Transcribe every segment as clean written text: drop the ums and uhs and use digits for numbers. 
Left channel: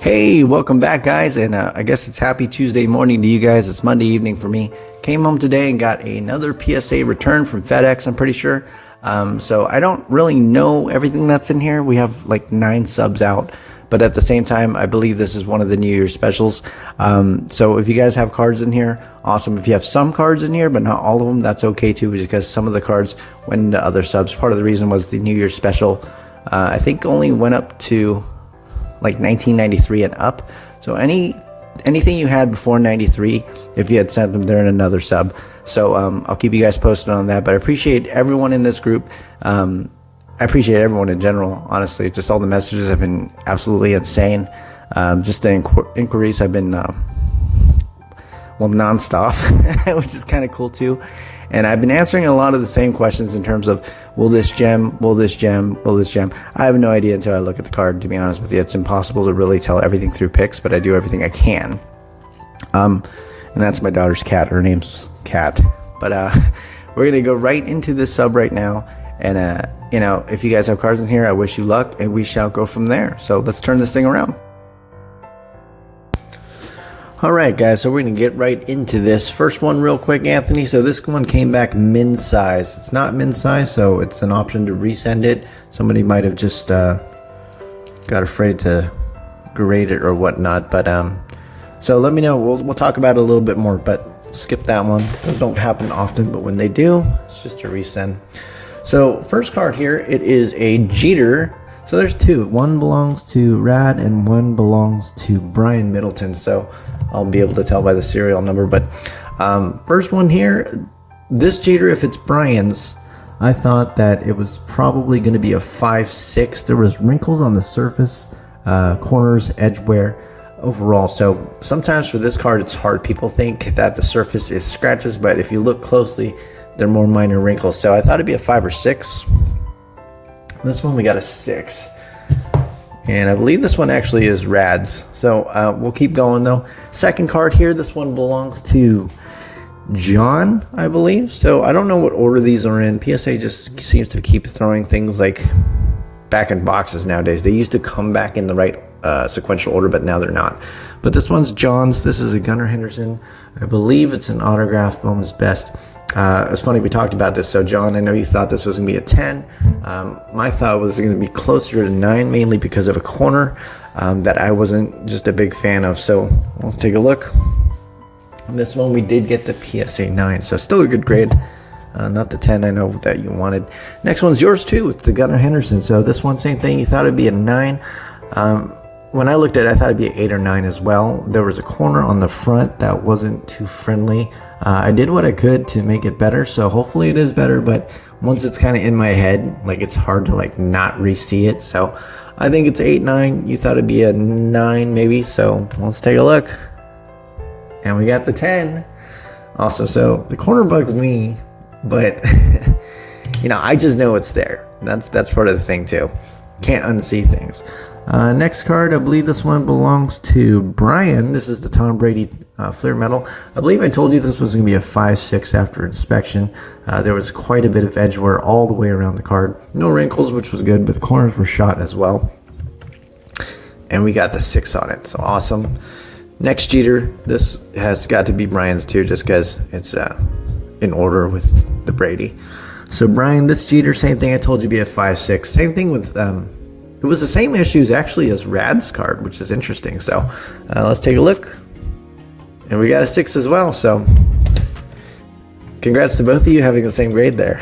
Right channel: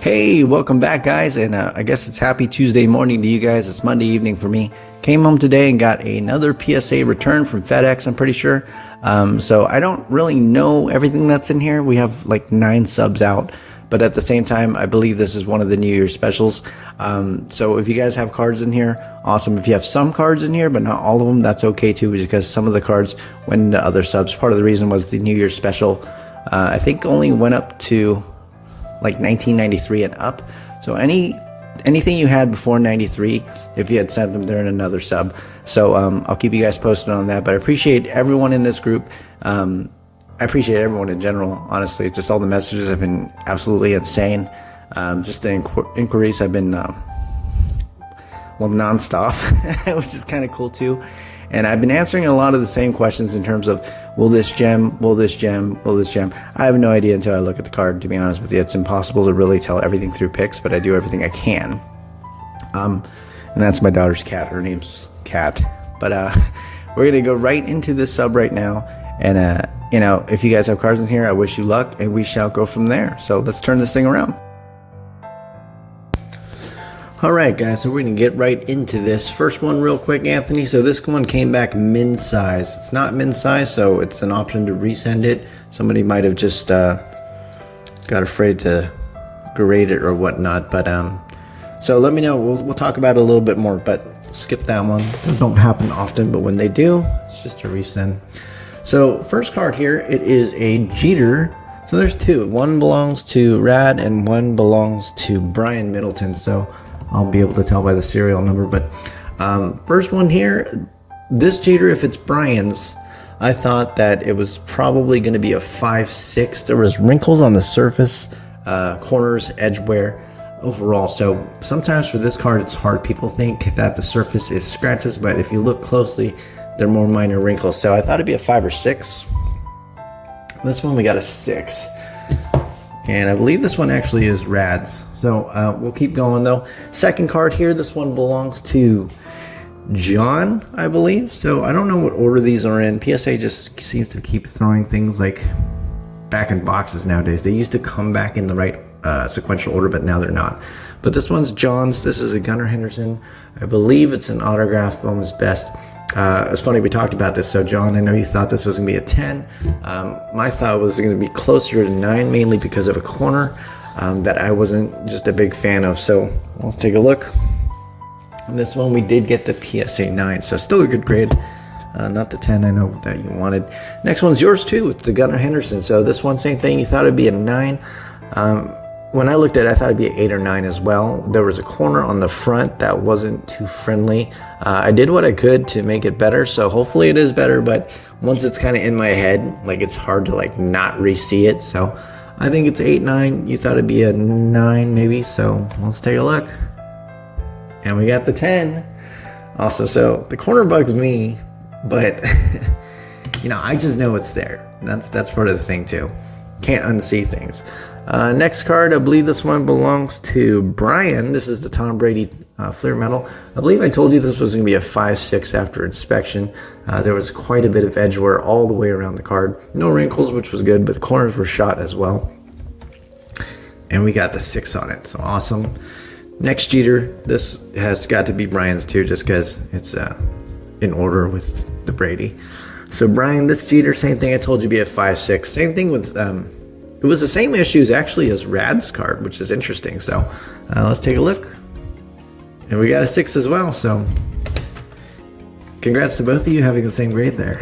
Hey, welcome back, guys, and I guess it's happy Tuesday morning to you guys. It's Monday evening for me. Came home today and got another PSA return from FedEx, I'm pretty sure. So I don't really know everything that's in here. We have like 9 subs out, but at the same time, I believe this is one of the New Year's specials. So if you guys have cards in here, awesome. If you have some cards in here, but not all of them, that's okay too, because some of the cards went into other subs. Part of the reason was the New Year's special, I think only went up to like 1993 and up. So anything you had before 93, if you had sent them, they're in another sub. So I'll keep you guys posted on that. But I appreciate everyone in this group. I appreciate everyone in general, honestly. Just all the messages have been absolutely insane. Just the inquiries have been nonstop, which is kind of cool too. And I've been answering a lot of the same questions in terms of, will this gem, will this gem, will this gem? I have no idea until I look at the card, to be honest with you. It's impossible to really tell everything through pics, but I do everything I can. And that's my daughter's cat. Her name's Cat. But we're going to go right into this sub right now. And, you know, if you guys have cards in here, I wish you luck, and we shall go from there. So let's turn this thing around. Alright guys, so we're going to get right into this. First one real quick, Anthony. So this one came back min size. It's not min size, so it's an option to resend it. Somebody might have just got afraid to grade it or whatnot. But so let me know. We'll talk about it a little bit more, but skip that one. Those don't happen often, but when they do, it's just a resend. So first card here, it is a Jeter. So there's 2. One belongs to Rad and one belongs to Brian Middleton. So I'll be able to tell by the serial number. But first one here, this Jeter, if it's Brian's, I thought that it was probably going to be a 5.6. There was wrinkles on the surface, corners, edge wear overall. So sometimes for this card, it's hard. People think that the surface is scratches, but if you look closely, they're more minor wrinkles. So I thought it'd be a 5 or 6. This one we got a 6. And I believe this one actually is Rad's. So we'll keep going though. Second card here, this one belongs to John, I believe. So I don't know what order these are in. PSA just seems to keep throwing things like back in boxes nowadays. They used to come back in the right sequential order, but now they're not. But this one's John's. This is a Gunnar Henderson. I believe it's an autograph, Moment's Best. It's funny, we talked about this. So John, I know you thought this was going to be a 10. My thought was going to be closer to 9, mainly because of a corner that I wasn't just a big fan of. So let's take a look. And this one we did get the PSA 9, so still a good grade. Not the 10 I know that you wanted. Next one's yours too. It's the Gunnar Henderson. So this one, same thing. You thought it'd be a 9. When I looked at it, I thought it'd be an 8 or 9 as well. There was a corner on the front that wasn't too friendly. I did what I could to make it better, so hopefully it is better, but once it's kind of in my head, like it's hard to like not re-see it. So I think it's 8, 9. You thought it'd be a 9 maybe, so let's take a look. And we got the 10. Awesome. So the corner bugs me, but you know, I just know it's there. That's part of the thing too. Can't unsee things. Next card, I believe this one belongs to Brian. This is the Tom Brady Fleer Metal. I believe I told you this was going to be a 5.6 after inspection. There was quite a bit of edge wear all the way around the card. No wrinkles, which was good, but the corners were shot as well. And we got the 6 on it, so awesome. Next Jeter, this has got to be Brian's too, just because it's in order with the Brady. So Brian, this Jeter, same thing I told you, be a 5.6. Same thing with... it was the same issues actually as Rad's card, which is interesting. So let's take a look. And we got a 6 as well. So congrats to both of you having the same grade there.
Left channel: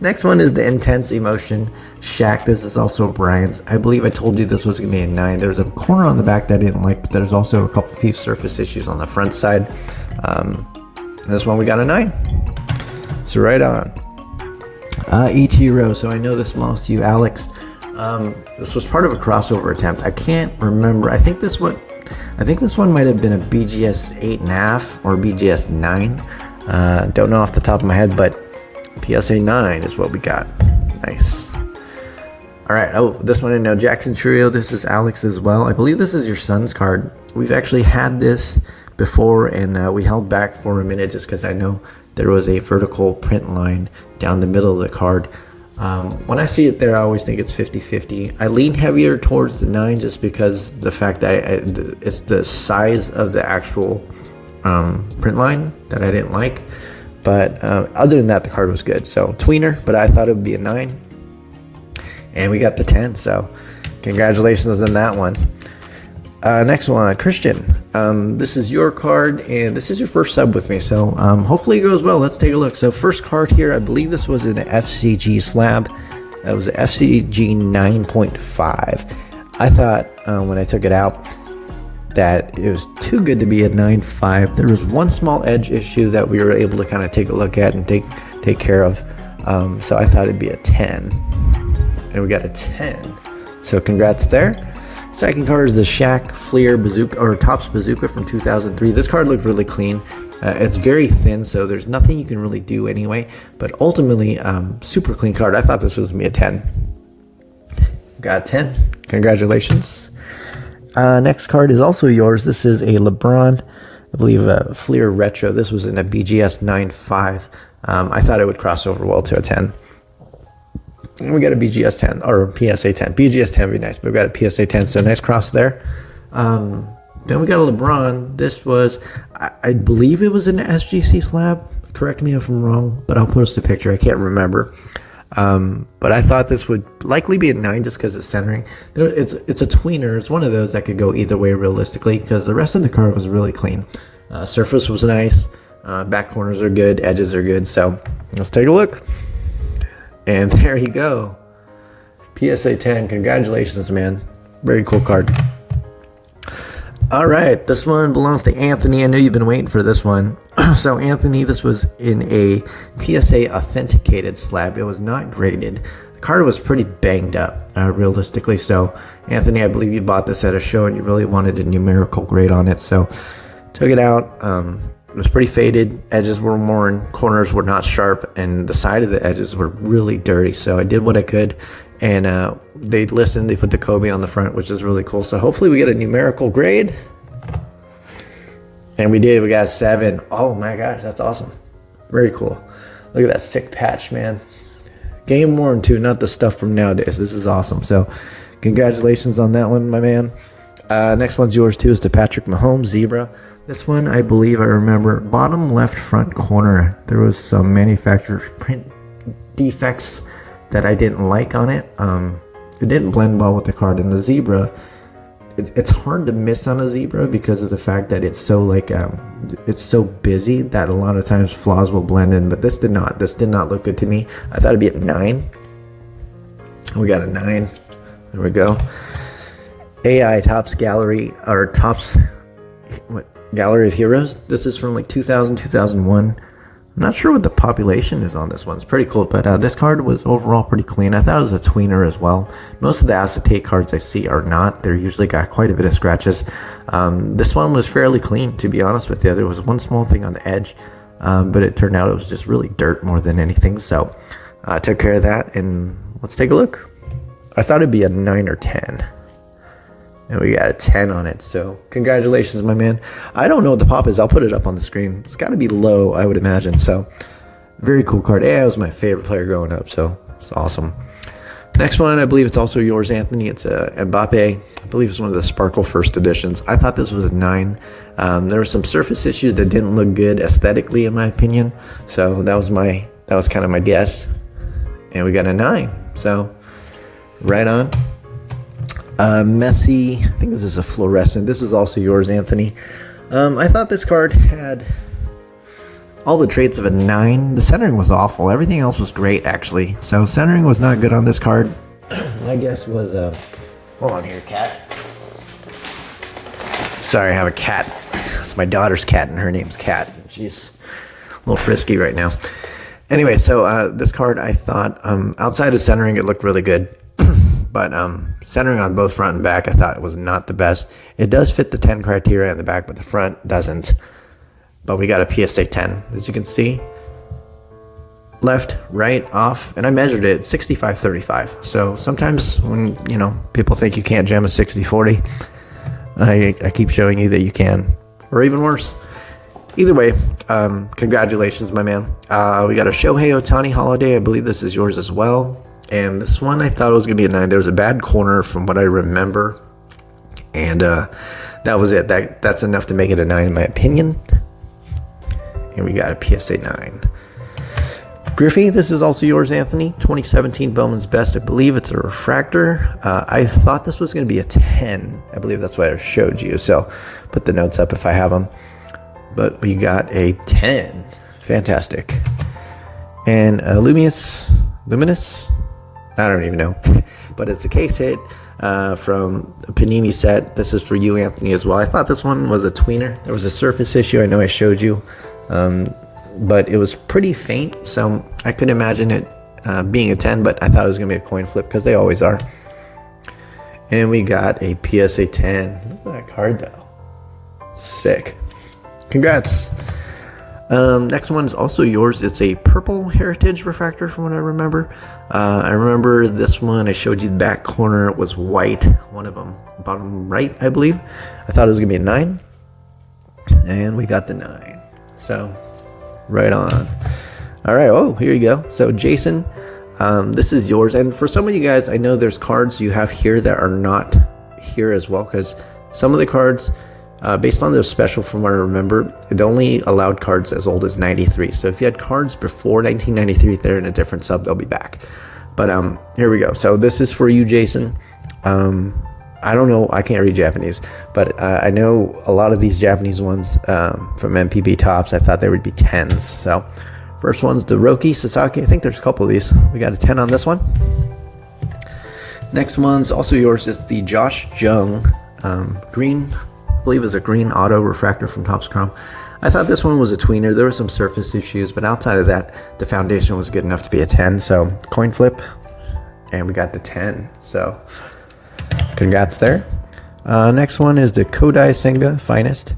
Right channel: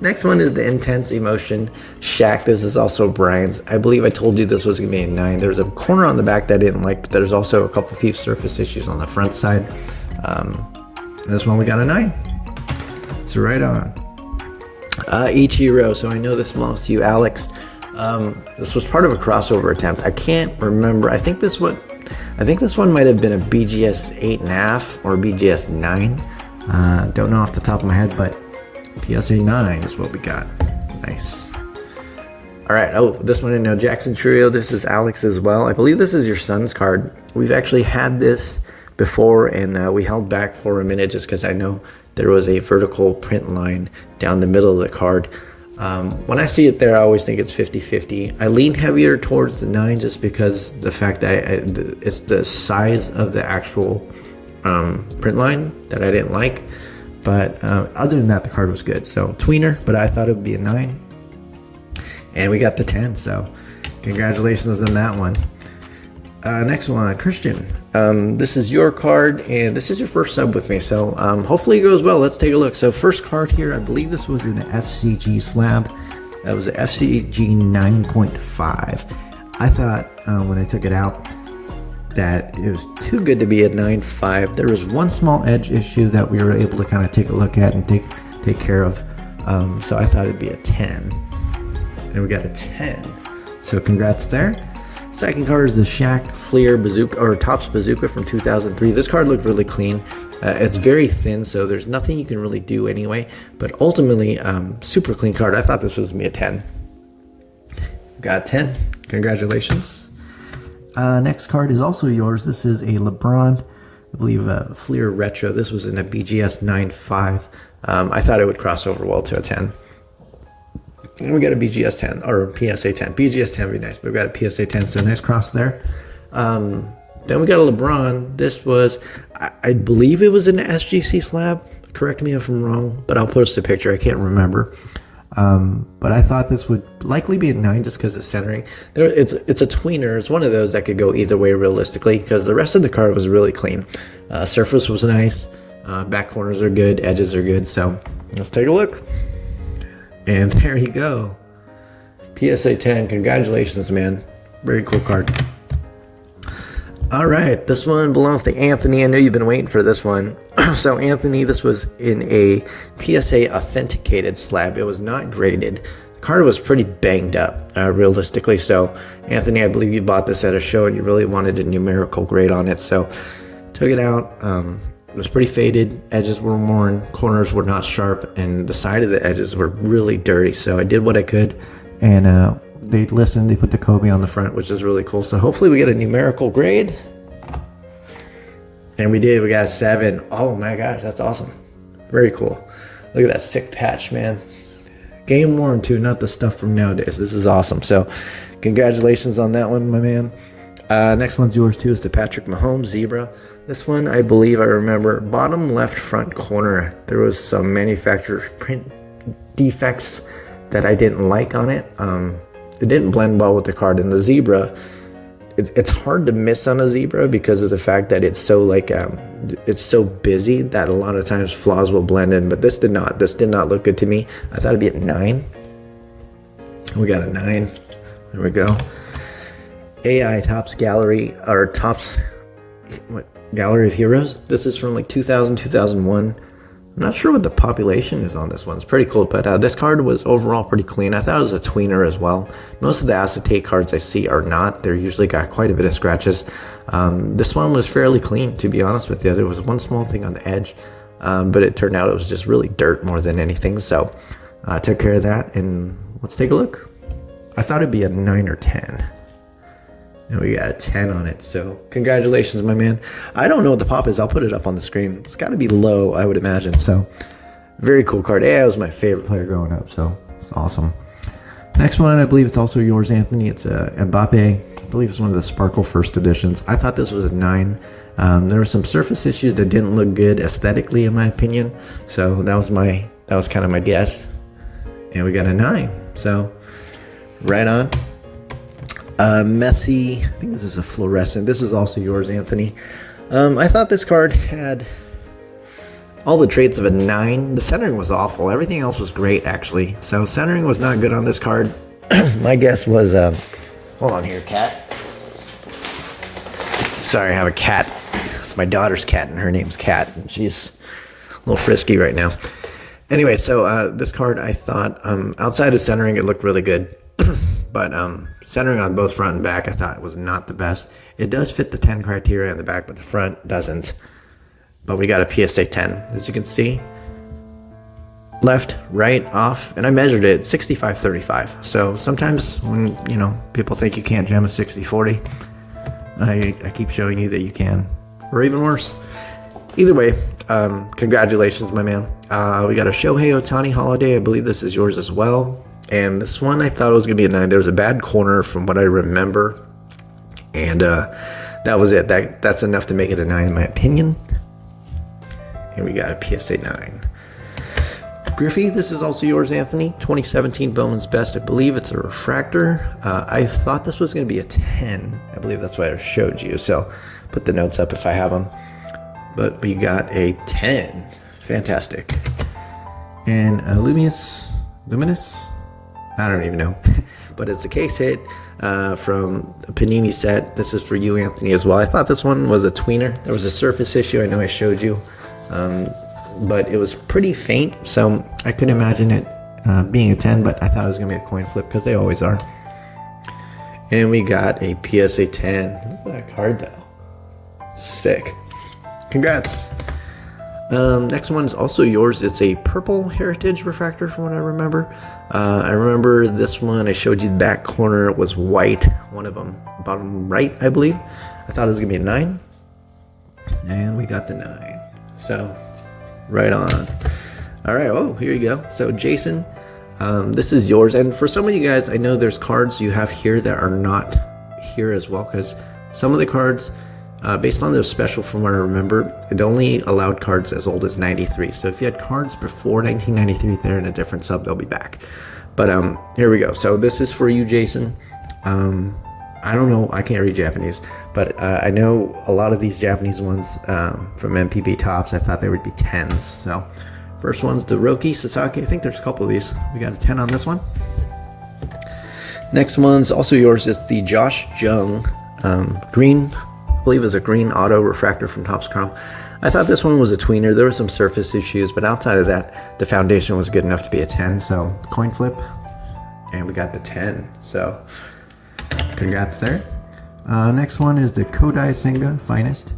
Next one is the Intense Emotion Shaq. This is also Brian's. I believe I told you this was going to be a 9. There's a corner on the back that I didn't like, but there's also a couple few surface issues on the front side. This one we got a 9. So right on. Ichiro. So I know this belongs to you, Alex. This was part of a crossover attempt. I can't remember. I think this one might have been a BGS 8.5 or BGS 9. Don't know off the top of my head, but PSA 9 is what we got. Nice. All right. Oh, this one I know. Jackson Trio. This is Alex as well. I believe this is your son's card. We've actually had this before, and we held back for a minute just because I know there was a vertical print line down the middle of the card. When I see it there, I always think it's 50-50. I lean heavier towards the 9 just because the fact that it's the size of the actual print line that I didn't like. But other than that, the card was good. So tweener, but I thought it would be a 9. And we got the 10, so congratulations on that one. Next one, Christian. This is your card, and this is your first sub with me, so hopefully it goes well. Let's take a look. So first card here, I believe this was an FCG slab. It was an FCG 9.5. I thought when I took it out that it was too good to be a 9.5. There was one small edge issue that we were able to kind of take a look at and take care of. So I thought it'd be a 10. And we got a 10. So congrats there. Second card is the Shaq Fleer Bazooka, or Topps Bazooka from 2003. This card looked really clean. It's very thin, so there's nothing you can really do anyway. But ultimately, super clean card. I thought this was going to be a 10. Got a 10. Congratulations. Next card is also yours. This is a LeBron, I believe, a Fleer Retro. This was in a BGS 9.5. I thought it would cross over well to a 10. And we got a BGS 10, or PSA 10. BGS 10 would be nice, but we got a PSA 10, so nice cross there. Then we got a LeBron. This was, I believe it was an SGC slab. Correct me if I'm wrong, but I'll post a picture. I can't remember. But I thought this would likely be a 9 just because it's centering. It's a tweener. It's one of those that could go either way realistically because the rest of the card was really clean. Surface was nice. Back corners are good. Edges are good. So let's take a look. And there you go. PSA 10. Congratulations, man. Very cool card. All right. This one belongs to Anthony. I know you've been waiting for this one. So, Anthony, this was in a PSA authenticated slab. It was not graded. The card was pretty banged up, realistically. So, Anthony, I believe you bought this at a show and you really wanted a numerical grade on it. So, took it out. It was pretty faded. Edges were worn, corners were not sharp, and the side of the edges were really dirty. So I did what I could, and they listened. They put the Kobe on the front, which is really cool. So hopefully we get a numerical grade. And we did. We got a 7. Oh my gosh, that's awesome. Very cool. Look at that sick patch, man. Game worn too, not the stuff from nowadays. This is awesome. So congratulations on that one, my man. Next one's yours too. Is the Patrick Mahomes Zebra. This one, I believe I remember, bottom left front corner, there was some manufacturer's print defects that I didn't like on it. It didn't blend well with the card. And the Zebra, it's hard to miss on a Zebra because of the fact that it's so it's so busy that a lot of times flaws will blend in. But this did not. This did not look good to me. I thought it'd be a 9. We got a 9. There we go. AI Topps Gallery, or Topps, Gallery of Heroes. This is from like 2000, 2001. I'm not sure what the population is on this one. It's pretty cool, but this card was overall pretty clean. I thought it was a tweener as well. Most of the acetate cards I see are not. They're usually got quite a bit of scratches. This one was fairly clean, to be honest with you. There was one small thing on the edge, but it turned out it was just really dirt more than anything. So I took care of that, and let's take a look. I thought it'd be a 9 or 10. And we got a 10 on it. So congratulations, my man. I don't know what the pop is. I'll put it up on the screen. It's got to be low, I would imagine. So very cool card. AI was my favorite player growing up. So it's awesome. Next one, I believe it's also yours, Anthony. It's a Mbappe. I believe it's one of the Sparkle first editions. I thought this was a 9. There were some surface issues that didn't look good aesthetically, in my opinion. So that was kind of my guess. And we got a 9. So right on. Messi, I think this is a fluorescent. This is also yours, Anthony. I thought this card had all the traits of a 9. The centering was awful. Everything else was great, actually. So centering was not good on this card. My guess was, hold on here, cat. Sorry, I have a cat. It's my daughter's cat, and her name's Cat. And she's a little frisky right now. Anyway, so this card, I thought, outside of centering, it looked really good. But centering on both front and back, I thought it was not the best. It does fit the 10 criteria in the back, but the front doesn't. But we got a PSA 10, as you can see. Left, right, off, and I measured it 65-35. So sometimes when, people think you can't jam a 60-40, I keep showing you that you can. Or even worse, either way, congratulations, my man. We got a Shohei Ohtani holiday. I believe this is yours as well. And this one, I thought it was going to be a 9. There was a bad corner from what I remember. And that was it. That's enough to make it a 9 in my opinion. And we got a PSA 9. Griffey, this is also yours, Anthony. 2017 Bowman's Best. I believe it's a refractor. I thought this was going to be a 10. I believe that's what I showed you. So put the notes up if I have them. But we got a 10. Fantastic. And Luminous? I don't even know. But it's a case hit from a Panini set. This is for you, Anthony, as well. I thought this one was a tweener. There was a surface issue. I know I showed you. But it was pretty faint, so I couldn't imagine it being a 10, but I thought it was going to be a coin flip because they always are. And we got a PSA 10. Look at that card, though. Sick. Congrats. Next one is also yours. It's a purple Heritage refractor from what I remember. I remember this one. I showed you the back corner. It was white. One of them, bottom right, I believe. I thought it was going to be a 9. And we got the 9. So, right on. All right. Oh, here you go. So, Jason, this is yours. And for some of you guys, I know there's cards you have here that are not here as well. Because some of the cards, based on their special from what I remember, it only allowed cards as old as 93. So, if you had cards before 1993, they're in a different sub. They'll be back. But here we go. So, this is for you, Jason. I don't know. I can't read Japanese, but I know a lot of these Japanese ones from MPB Tops. I thought they would be 10s. So, first one's the Roki Sasaki. I think there's a couple of these. We got a 10 on this one. Next one's also yours. It's the Josh Jung green. I believe is a green auto refractor from Topps Chrome. I thought this one was a tweener. There were some surface issues, but outside of that, the foundation was good enough to be a 10. So, coin flip, and we got the 10. So, congrats there. Next one is the Kodai Senga Finest,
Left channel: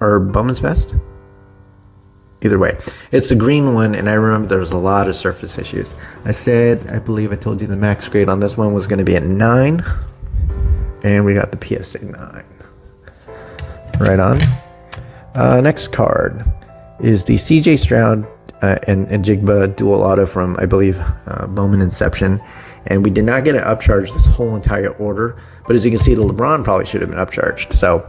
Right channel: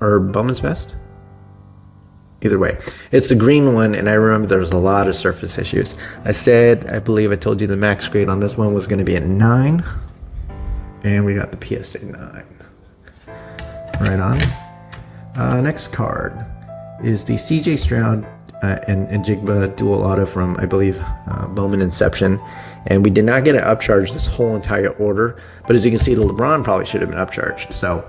or Bowman's Best. Either way, it's the green one, and I remember there was a lot of surface issues. I believe I told you the max grade on this one was going to be a 9, and we got the PSA 9. Right on. Next card is the CJ Stroud and Jigba dual auto from, I believe, Bowman Inception. And we did not get an upcharge this whole entire order. But as you can see, the LeBron probably should have been upcharged. So,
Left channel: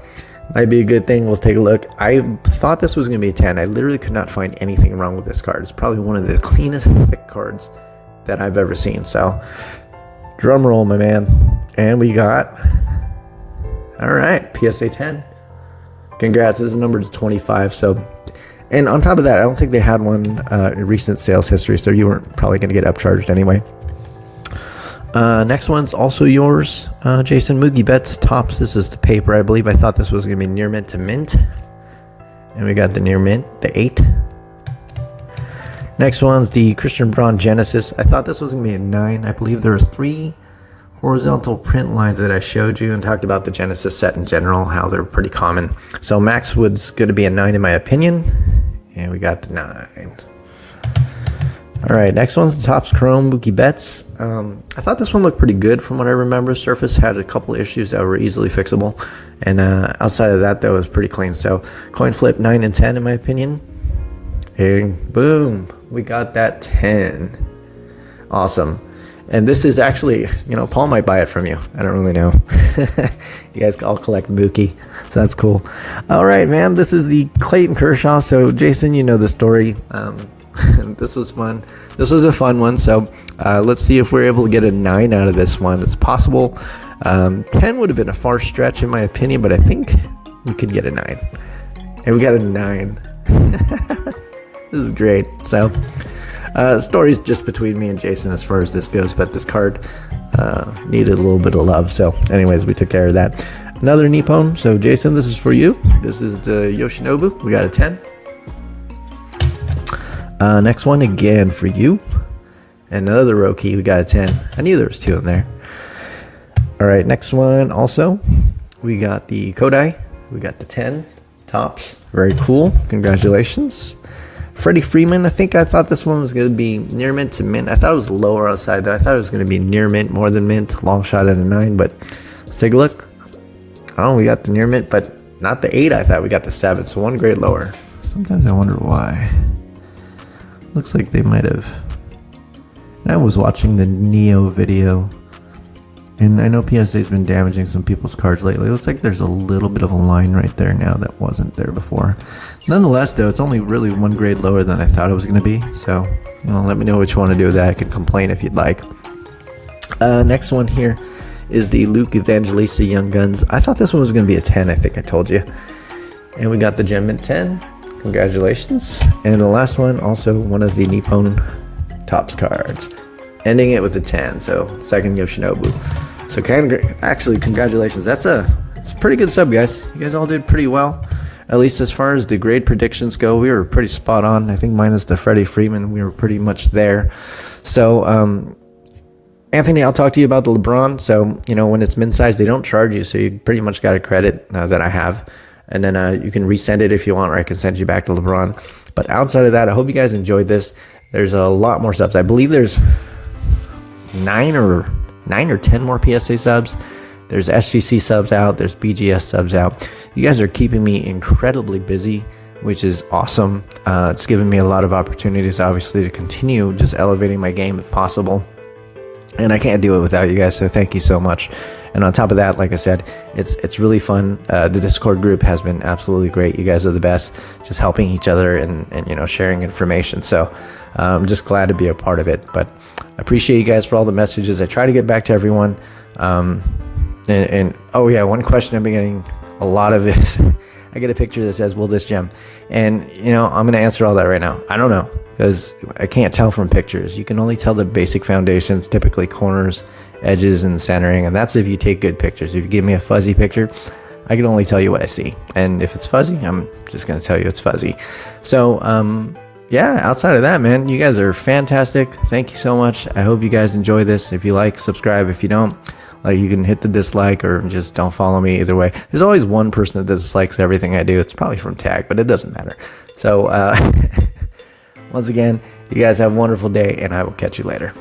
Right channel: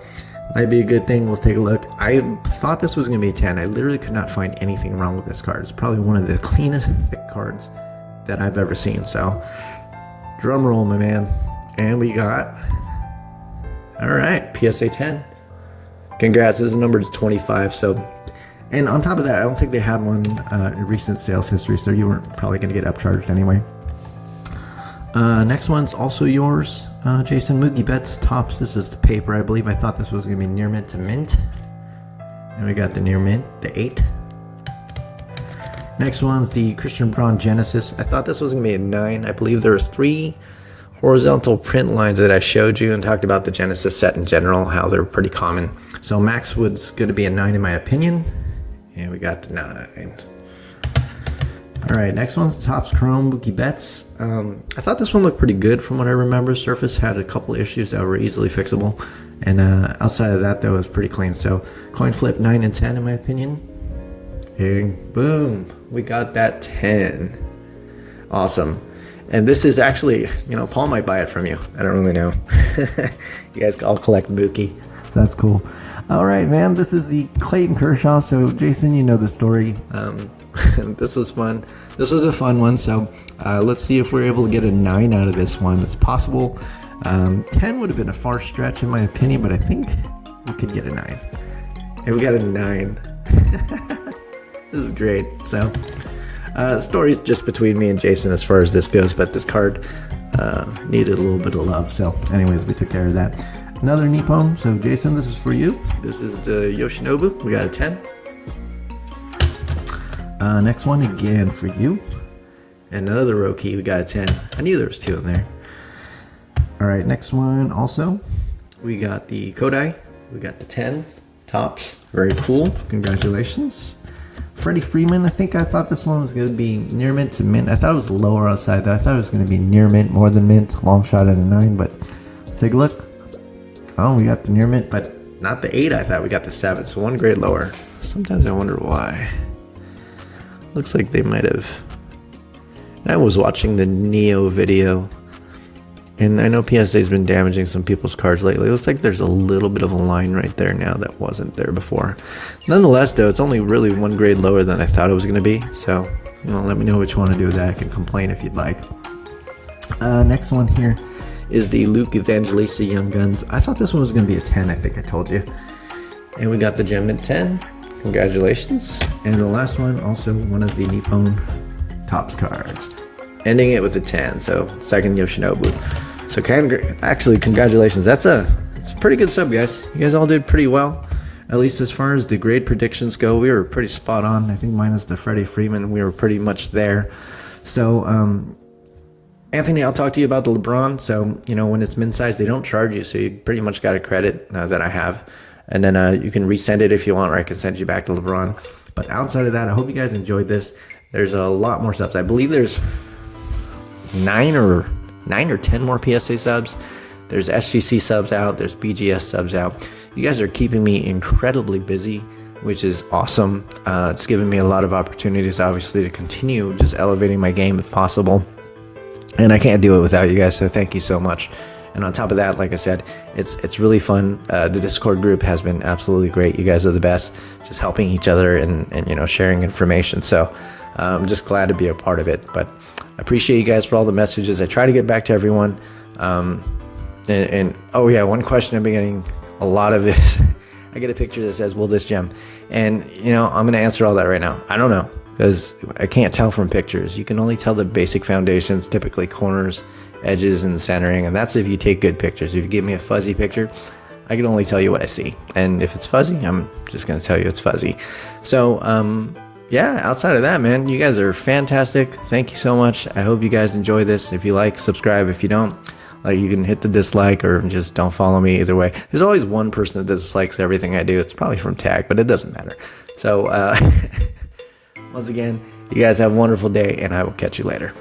might be a good thing. Let's take a look. I thought this was going to be a 10. I literally could not find anything wrong with this card. It's probably one of the cleanest, thick cards that I've ever seen. So, drum roll, my man. And we got, all right, PSA 10. Congrats. This is numbered to 25. So, and on top of that, I don't think they had one in recent sales history. So, you weren't probably going to get upcharged anyway. Next one's also yours, Jason. Moogie Betts Tops. This is the paper. I believe I thought this was going to be near mint to mint. And we got the near mint, the 8. Next one's the Christian Braun Genesis. I thought this was going to be a 9. I believe there was 3 horizontal print lines that I showed you and talked about the Genesis set in general, how they're pretty common. So Max Wood's going to be a 9 in my opinion. And we got the 9. All right, next one's the Topps Chrome Mookie Betts. I thought this one looked pretty good from what I remember. Surface had a couple issues that were easily fixable. And outside of that, though, it was pretty clean. So coin flip 9 and 10 in my opinion. And boom, we got that 10. Awesome. And this is actually, Paul might buy it from you. I don't really know. You guys all collect Mookie. So that's cool. All right, man. This is the Clayton Kershaw. So, Jason, you know the story. This was fun. This was a fun one. So, let's see if we're able to get a 9 out of this one. It's possible. 10 would have been a far stretch, in my opinion, but I think we could get a 9. And we got a 9. This is great. So, the story's just between me and Jason as far as this goes, but this card needed a little bit of love. So, anyways, we took care of that. Another Nippon. So, Jason, this is for you. This is the Yoshinobu. We got a 10. Next one again for you. And another Roki. We got a 10. I knew there was 2 in there. All right, next one also. We got the Kodai. We got the 10. Tops. Very cool. Congratulations. Freddie Freeman. I thought this one was going to be near mint to mint. I thought it was lower outside though. I thought it was going to be near mint more than mint. Long shot at a 9, but let's take a look. Oh, we got the near mint, but not the 8. I thought we got the 7, so 1 grade lower. Sometimes I wonder why. Looks like they might have. I was watching the Neo video, and I know PSA's been damaging some people's cards lately. It looks like there's a little bit of a line right there now that wasn't there before. Nonetheless, though, it's only really one grade lower than I thought it was going to be. So, let me know what you want to do with that. I can complain if you'd like. Next one here is the Luke Evangelista Young Guns. I thought this one was going to be a 10, I think I told you. And we got the Gem Mint 10. Congratulations. And the last one, also one of the Nippon Tops cards. Ending it with a 10, so second Yoshinobu. So actually, congratulations. It's a pretty good sub, guys. You guys all did pretty well. At least as far as the grade predictions go, we were pretty spot on. I think minus the Freddie Freeman, we were pretty much there. So, Anthony, I'll talk to you about the LeBron. So, when it's min size, they don't charge you. So you pretty much got a credit that I have. And then you can resend it if you want, or I can send you back to LeBron. But outside of that, I hope you guys enjoyed this. There's a lot more subs. I believe there's 9 or 10 more PSA subs. There's SGC subs out. There's BGS subs out. You guys are keeping me incredibly busy, which is awesome. It's given me a lot of opportunities, obviously, to continue just elevating my game if possible. And I can't do it without you guys, so thank you so much. And on top of that, like I said, it's really fun. The Discord group has been absolutely great. You guys are the best, just helping each other and sharing information. So I'm just glad to be a part of it. But I appreciate you guys for all the messages. I try to get back to everyone. And oh yeah, one question I've been getting a lot of is, I get a picture that says, will this gem? And I'm going to answer all that right now. I don't know, because I can't tell from pictures. You can only tell the basic foundations, typically corners, edges, and centering, and that's if you take good pictures. If you give me a fuzzy picture, I can only tell you what I see, and if it's fuzzy, I'm just going to tell you it's fuzzy. So yeah, outside of that, man, you guys are fantastic. Thank you so much. I hope you guys enjoy this. If you like, subscribe. If you don't, you can hit the dislike or just don't follow me. Either way, there's always one person that dislikes everything I do. It's probably from Tag, but it doesn't matter. So once again, you guys have a wonderful day, and I will catch you later.